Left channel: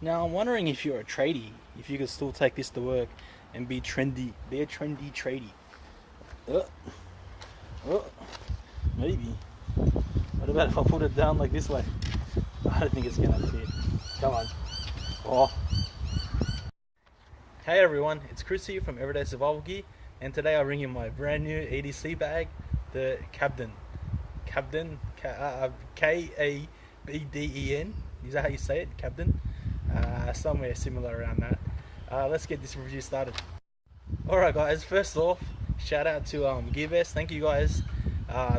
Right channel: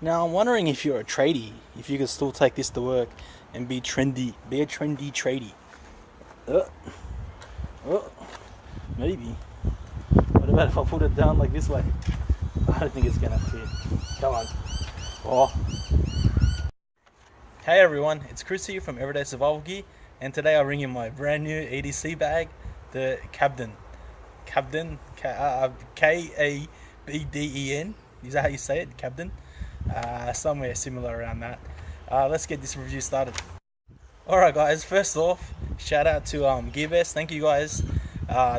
Now I'm wondering if you're a tradie, if you could still take this to work and be trendy, be a trendy tradie. Uh, uh, maybe. What about if I put it down like this way? I don't think it's gonna fit. Come on. Oh. Hey everyone, it's Chris here from Everyday Survival Gear, and today I bring you my brand new EDC bag, the Kabden. Kabden, Kabden. Is that how you say it? Kabden? Somewhere similar around that. Let's get this review started. Alright guys, first off, shout out to Gearbest. Thank you guys.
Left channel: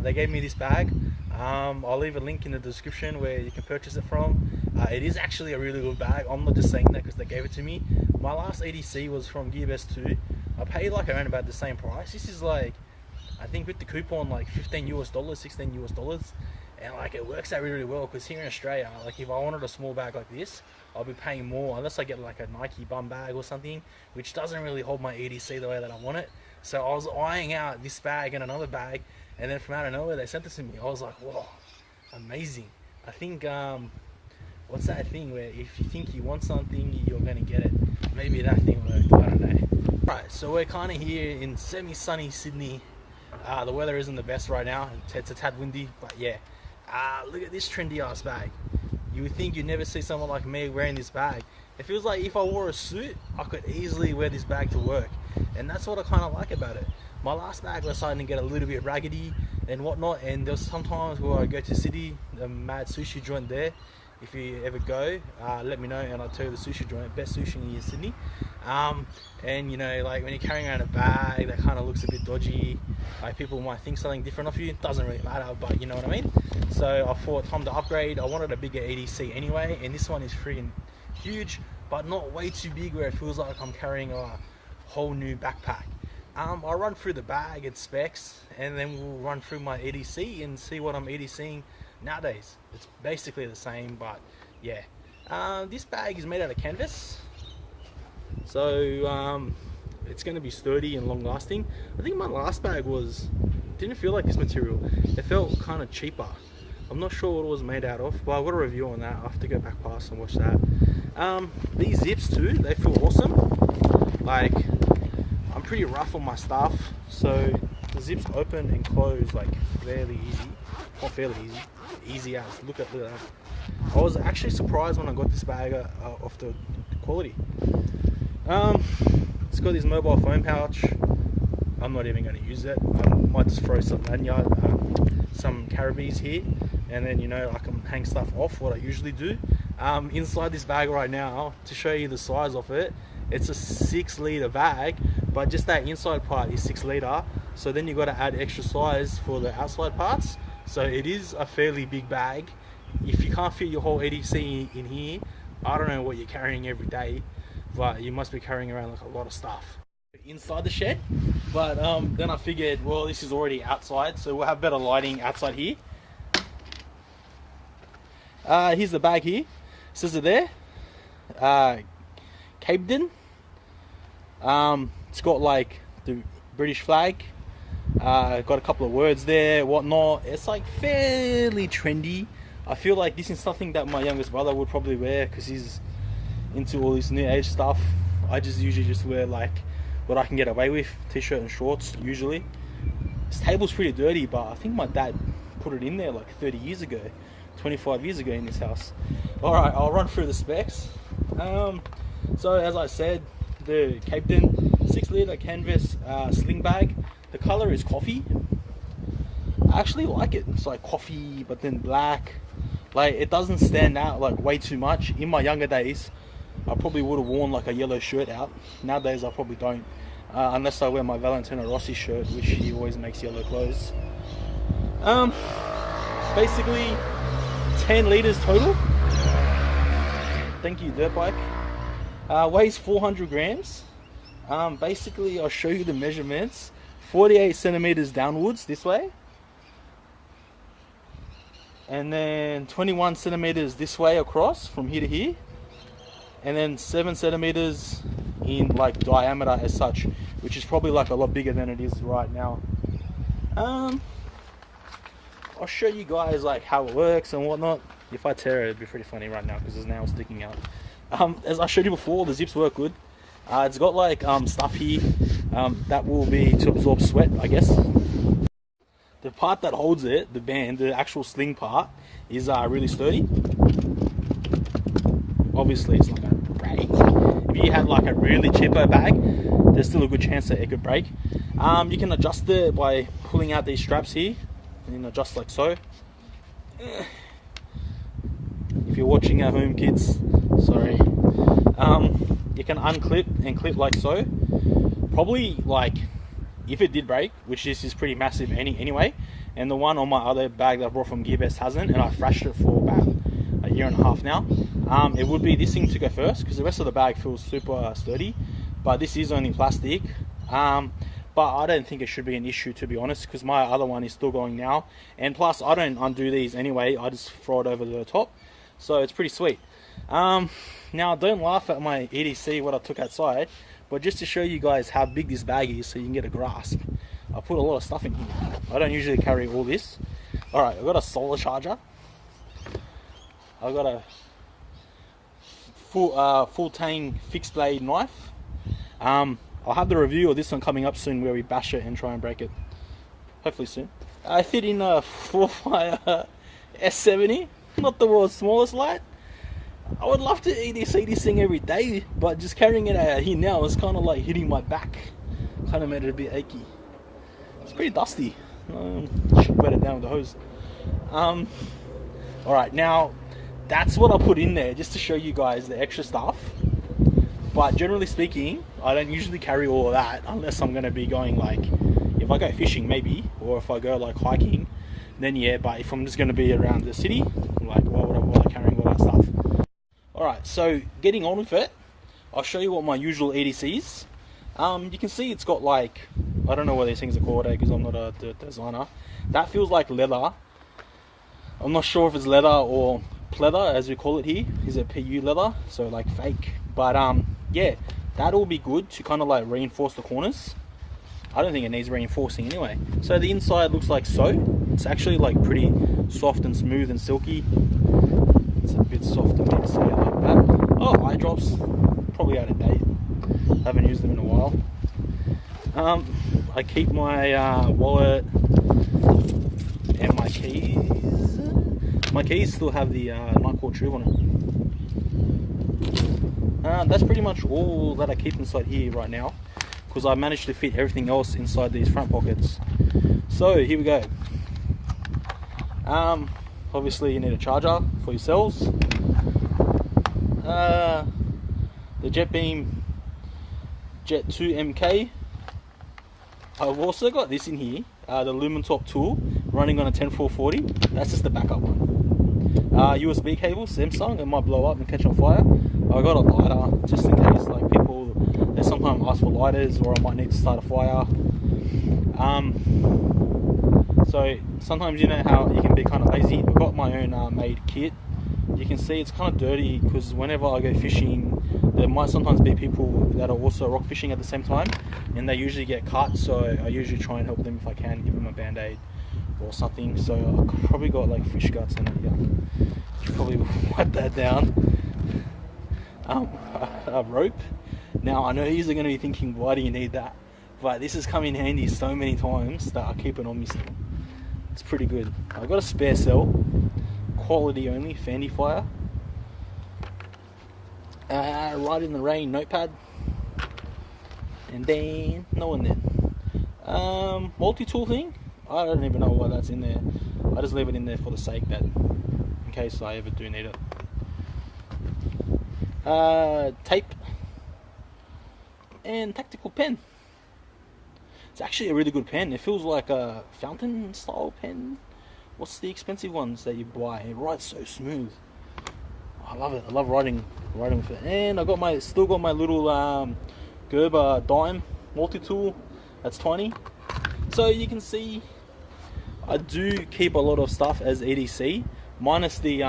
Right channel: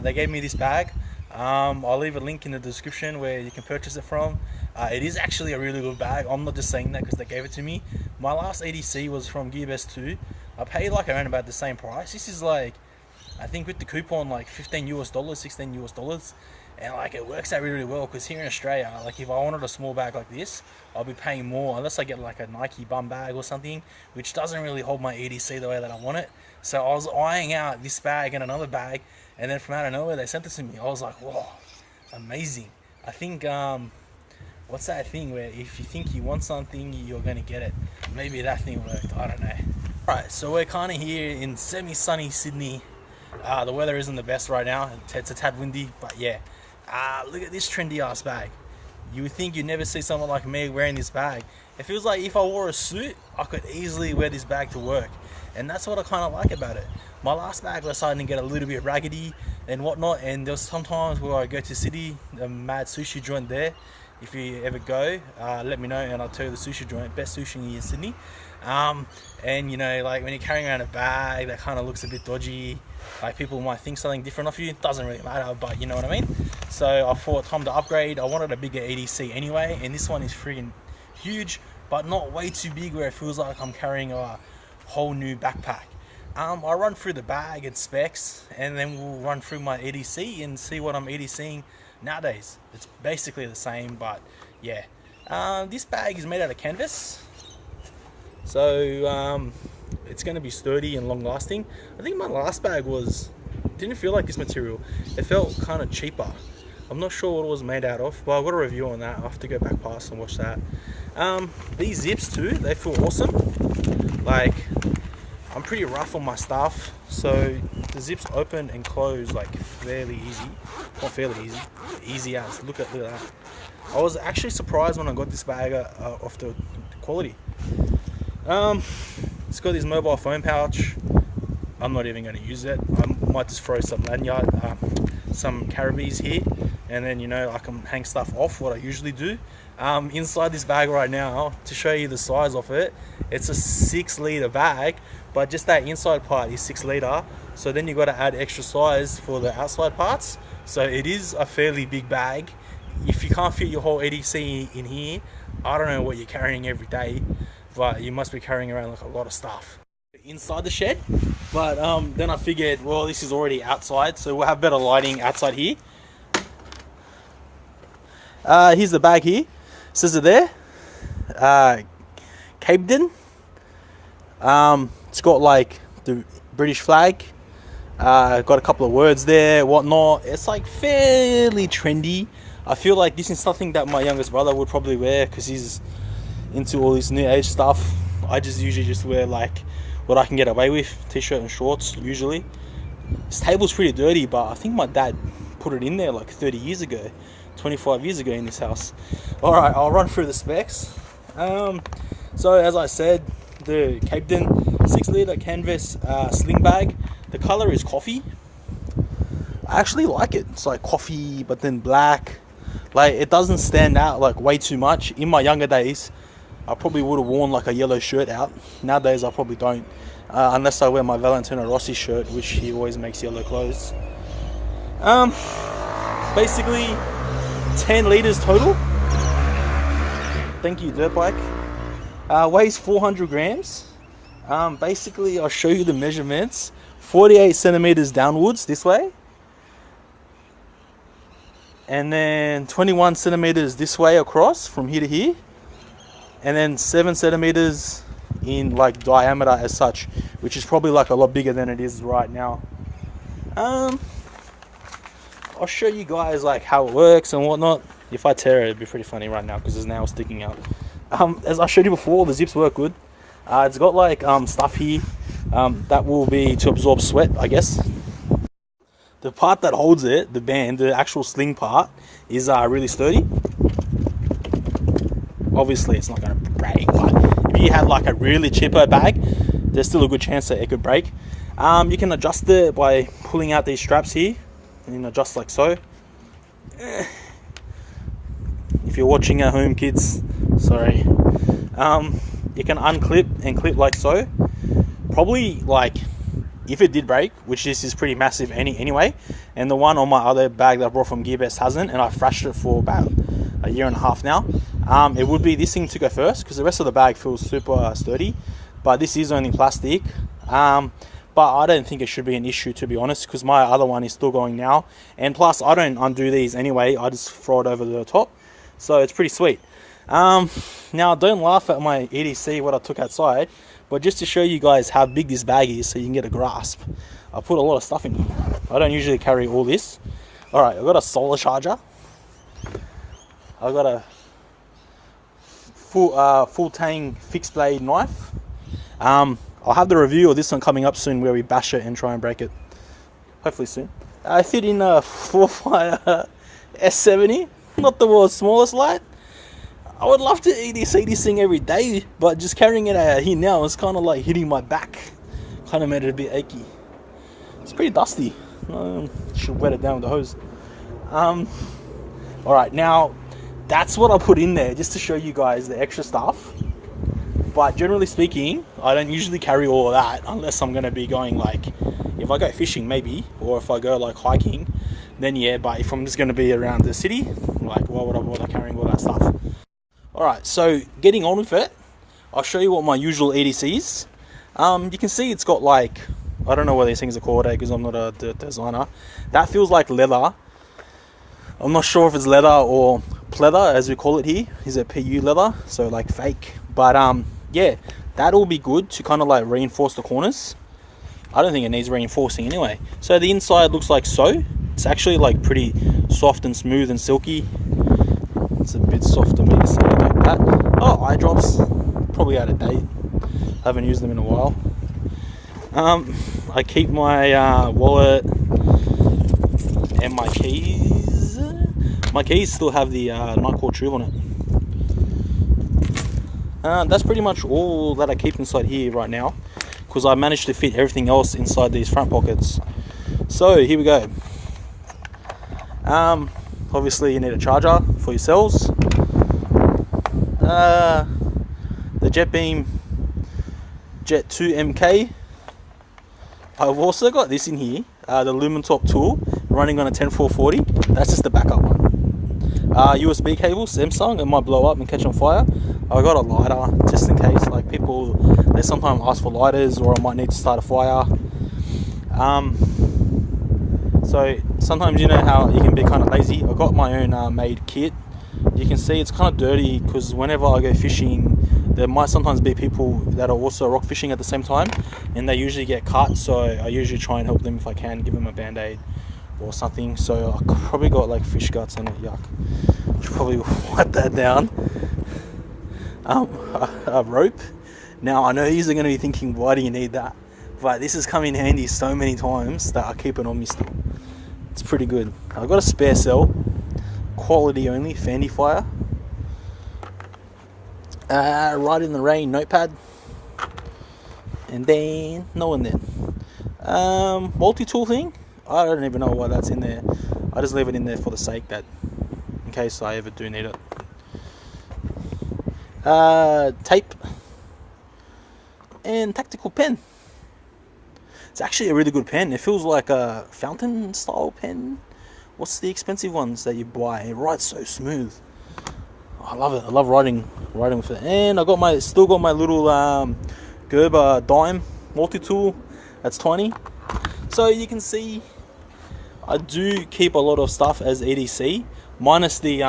They gave me this bag. I'll leave a link in the description where you can purchase it from. It is actually a really good bag. I'm not just saying that because they gave it to me. My last EDC was from Gearbest too. I paid like around about the same price. This is like, I think with the coupon, like $15 US, $16 US, and like it works out really well because here in Australia, like if I wanted a small bag like this, I'll be paying more unless I get like a Nike bum bag or something, which doesn't really hold my EDC the way that I want it. So I was eyeing out this bag and another bag, and then from out of nowhere they sent it to me. I was like, whoa, amazing. I think what's that thing where if you think you want something, you're gonna get it? Maybe that thing worked, I don't know. Right, so we're kind of here in semi-sunny Sydney. The weather isn't the best right now. It's a tad windy, but yeah. Look at this trendy ass bag. You would think you'd never see someone like me wearing this bag. It feels like if I wore a suit, I could easily wear this bag to work. And that's what I kind of like about it. My last bag was starting to get a little bit raggedy and whatnot, and there was sometimes where I go to city, the mad sushi joint there. If you ever go, let me know and I'll tell you the sushi joint, best sushi in Sydney. And you know, like when you're carrying around a bag that kind of looks a bit dodgy, like people might think something different of you, it doesn't really matter, but you know what I mean. So I thought time to upgrade. I wanted a bigger EDC anyway, and this one is freaking huge, but not way too big where it feels like I'm carrying a whole new backpack. I'll run through the bag and specs, and then we'll run through my EDC and see what I'm EDCing nowadays. It's basically the same, but yeah. This bag is made out of canvas, so it's going to be sturdy and long lasting. I think my last bag didn't feel like this material. It felt kind of cheaper. I'm not sure what it was made out of, but I've got a review on that. I'll have to go back past and watch that. These zips too, they feel awesome. Like, I'm pretty rough on my stuff, so the zips open and close like fairly easy. Not fairly easy, easy as. Look at that. I was actually surprised when I got this bag of the quality. It's got this mobile phone pouch. I'm not even going to use it. I might just throw some lanyard, some carabiners here, and then, you know, I can hang stuff off, what I usually do. Inside this bag right now, to show you the size of it, it's a 6-litre bag, but just that inside part is 6-litre. So then you got to add extra size for the outside parts. So it is a fairly big bag. If you can't fit your whole EDC in here, I don't know what you're carrying every day, but you must be carrying around like a lot of stuff inside the shed. But then I figured, well, this is already outside, so we'll have better lighting outside here. Here's the bag here. Says it there. Kabden. It's got like the British flag. Got a couple of words there, whatnot. It's like fairly trendy. I feel like this is something that my youngest brother would probably wear because he's into all this new age stuff. I just usually just wear like what I can get away with, t-shirt and shorts usually. This table's pretty dirty, but I think my dad put it in there like 30 years ago, 25 years ago in this house. Alright, I'll run through the specs. So as I said, the Kabden 6-litre canvas sling bag. The color is coffee. I actually like it. It's like coffee, but then black. Like, it doesn't stand out like way too much. In my younger days, I probably would have worn like a yellow shirt out. Nowadays, I probably don't. Unless I wear my Valentino Rossi shirt, which he always makes yellow clothes. Basically, 10 litres total. Thank you, dirt bike. Weighs 400 grams. Basically, I'll show you the measurements. 48 centimeters downwards this way, and then 21 centimeters this way across from here to here, and then 7 centimeters in like diameter as such, which is probably like a lot bigger than it is right now. I'll show you guys like how it works and whatnot. If I tear it, it'd be pretty funny right now because there's nails sticking out. As I showed you before, the zips work good. It's got like stuff here that will be to absorb sweat, I guess. The part that holds it, the band, the actual sling part, is really sturdy. Obviously, it's not going to break. If you had like a really cheaper bag, there's still a good chance that it could break. You can adjust it by pulling out these straps here, and adjust like so. If you're watching at home, kids, sorry. You can unclip and clip like so. Probably like, if it did break, which this is pretty massive anyway, and the one on my other bag that I brought from Gearbest hasn't, and I thrashed it for about a year and a half now, it would be this thing to go first, because the rest of the bag feels super sturdy, but this is only plastic. But I don't think it should be an issue, to be honest, because my other one is still going now, and plus I don't undo these anyway, I just throw it over the top, so it's pretty sweet. Now don't laugh at my EDC, what I took outside, but just to show you guys how big this bag is so you can get a grasp, I put a lot of stuff in here. I don't usually carry all this. Alright, I've got a solar charger, I've got a full tang fixed blade knife. I'll have the review of this one coming up soon where we bash it and try and break it, hopefully soon. I fit in a 4-fire S70, not the world's smallest light. I would love to EDC this thing every day, but just carrying it out here now is kind of like hitting my back. Kind of made it a bit achy. It's pretty dusty. Should wet it down with the hose. Alright, now that's what I put in there just to show you guys the extra stuff. But generally speaking, I don't usually carry all of that unless I'm going to be going like, if I go fishing maybe, or if I go like hiking, then yeah, but if I'm just going to be around the city, like why would I bother carrying all that stuff? Alright, so getting on with it, I'll show you what my usual EDC is. You can see it's got like, I don't know what these things are called because I'm not a designer. That feels like leather. I'm not sure if it's leather or pleather as we call it here. Is it PU leather? So like fake. But yeah, that'll be good to kind of like reinforce the corners. I don't think it needs reinforcing anyway. So the inside looks like so. It's actually like pretty soft and smooth and silky. It's a bit soft to me to say like that. Oh, eye drops, probably out of date. Haven't used them in a while. I keep my wallet and my keys. My keys still have the Nightcore tube on it. That's pretty much all that I keep inside here right now, because I managed to fit everything else inside these front pockets. So here we go. Obviously you need a charger for your cells. The Jet Beam Jet 2 MK. I've also got this in here, the Lumentop tool running on a 10440. That's just the backup one. USB cable, Samsung, it might blow up and catch on fire. I got a lighter just in case, like people, they sometimes ask for lighters, or I might need to start a fire. So sometimes you know how you can be kind of lazy. I've got my own made kit. You can see it's kind of dirty because whenever I go fishing, there might sometimes be people that are also rock fishing at the same time, and they usually get cut, so I usually try and help them if I can, give them a band-aid or something. So I've probably got like fish guts on it, yuck. Should probably wipe that down. A rope. Now I know you're going to be thinking, why do you need that? But this has come in handy so many times that I keep it on me still. It's pretty good. I've got a spare cell, quality only, Fandy Fire. Right in the rain notepad. And then, no one then. Multi-tool thing. I don't even know why that's in there. I just leave it in there for the sake that, in case I ever do need it. Tape and tactical pen. It's actually a really good pen. It feels like a fountain style pen. What's the expensive ones that you buy? It writes so smooth. I love it. I love writing with it. And I got still got my little Gerber dime multi-tool. That's tiny. So you can see I do keep a lot of stuff as EDC, minus the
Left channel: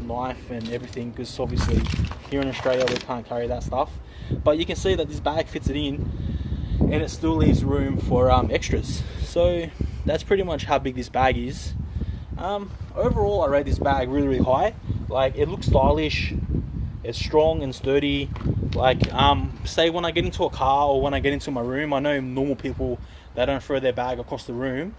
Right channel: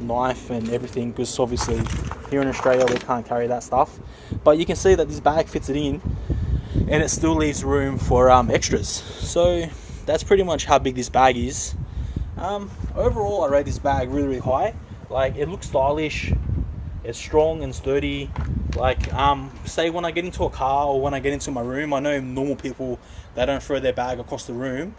knife and everything, because obviously here in Australia we can't carry that stuff. But you can see that this bag fits it in, and it still leaves room for extras. So that's pretty much how big this bag is. Overall I rate this bag really high. Like, it looks stylish, It's strong and sturdy. Like, say when I get into a car or when I get into my room, I know normal people, they don't throw their bag across the room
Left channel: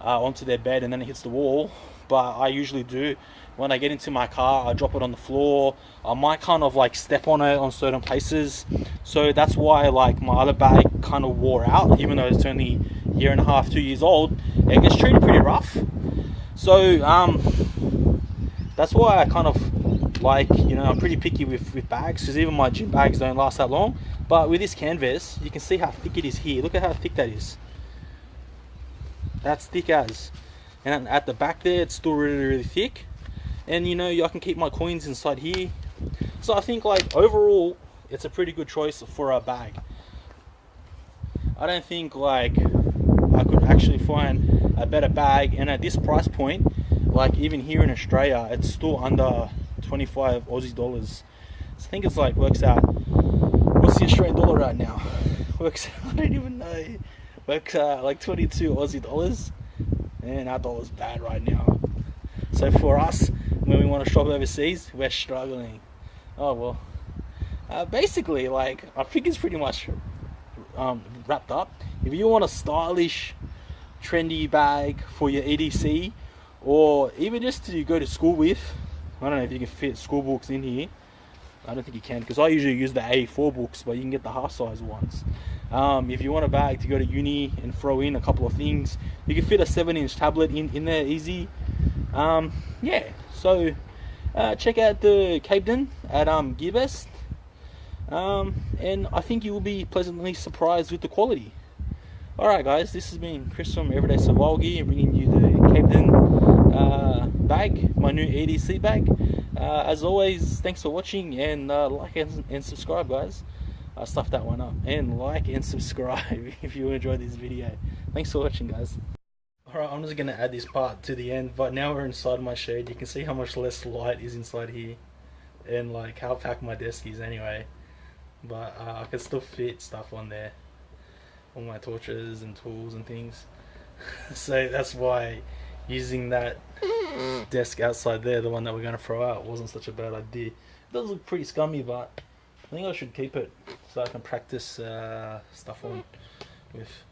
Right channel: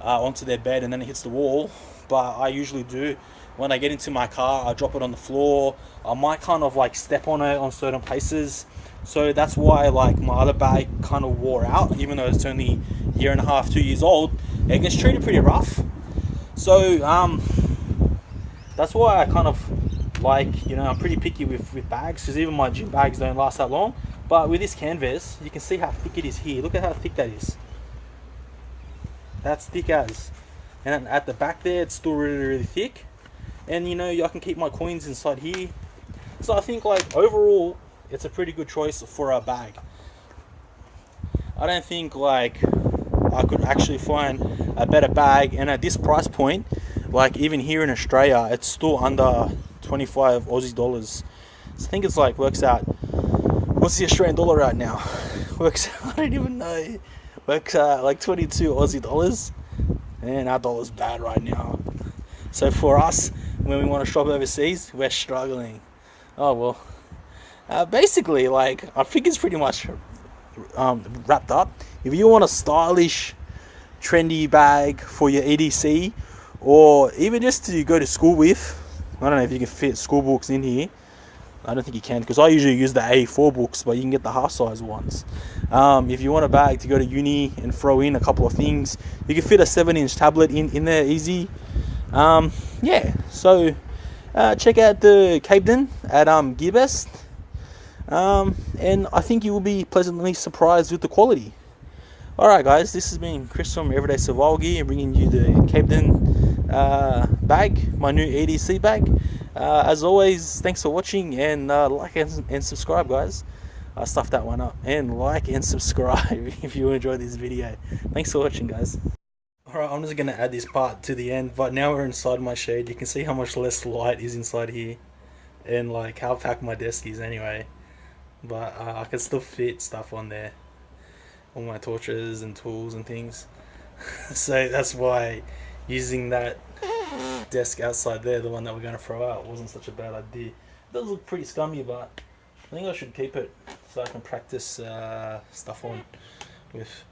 onto their bed and then it hits the wall, but I usually do. When I get into my car, I drop it on the floor. I might kind of like step on it on certain places. So that's why like my other bag kind of wore out, even though it's only a year and a half, 2 years old. It gets treated pretty rough. So that's why I kind of like, you know, I'm pretty picky with bags, because even my gym bags don't last that long. But with this canvas, you can see how thick it is here. Look at how thick that is. That's thick as. And at the back there, it's still really, really thick. And you know, I can keep my coins inside here. So I think like overall, it's a pretty good choice for a bag. I don't think like I could actually find a better bag, and at this price point, like even here in Australia, it's still under 25 Aussie dollars. So I think it's like works out, what's the Australian dollar right now? Works out, I don't even know. Works out like 22 Aussie dollars, and our dollar's bad right now. So for us, when we want to shop overseas, we're struggling. Oh well. Basically, like, I think it's pretty much wrapped up. If you want a stylish, trendy bag for your EDC, or even just to go to school with, I don't know if you can fit school books in here. I don't think you can, because I usually use the A4 books, but you can get the half size ones. If you want a bag to go to uni and throw in a couple of things, you can fit a 7-inch tablet in there easy. Yeah, so check out the Kabden at GearBest, and I think you will be pleasantly surprised with the quality. Alright guys, this has been Chris from Everyday Survival Gear, bringing you the Kabden bag, my new EDC bag. As always, thanks for watching, and like and subscribe guys. I stuffed that one up. And like and subscribe if you enjoyed this video. Thanks for watching guys. Alright, I'm just going to add this part to the end, but now we're inside my shade. You can see how much less light is inside here, and like how packed my desk is anyway. But I can still fit stuff on there, all my torches and tools and things. So that's why using that desk outside there, the one that we're going to throw out, wasn't such a bad idea. It does look pretty scummy, but I think I should keep it so I can practice stuff on with.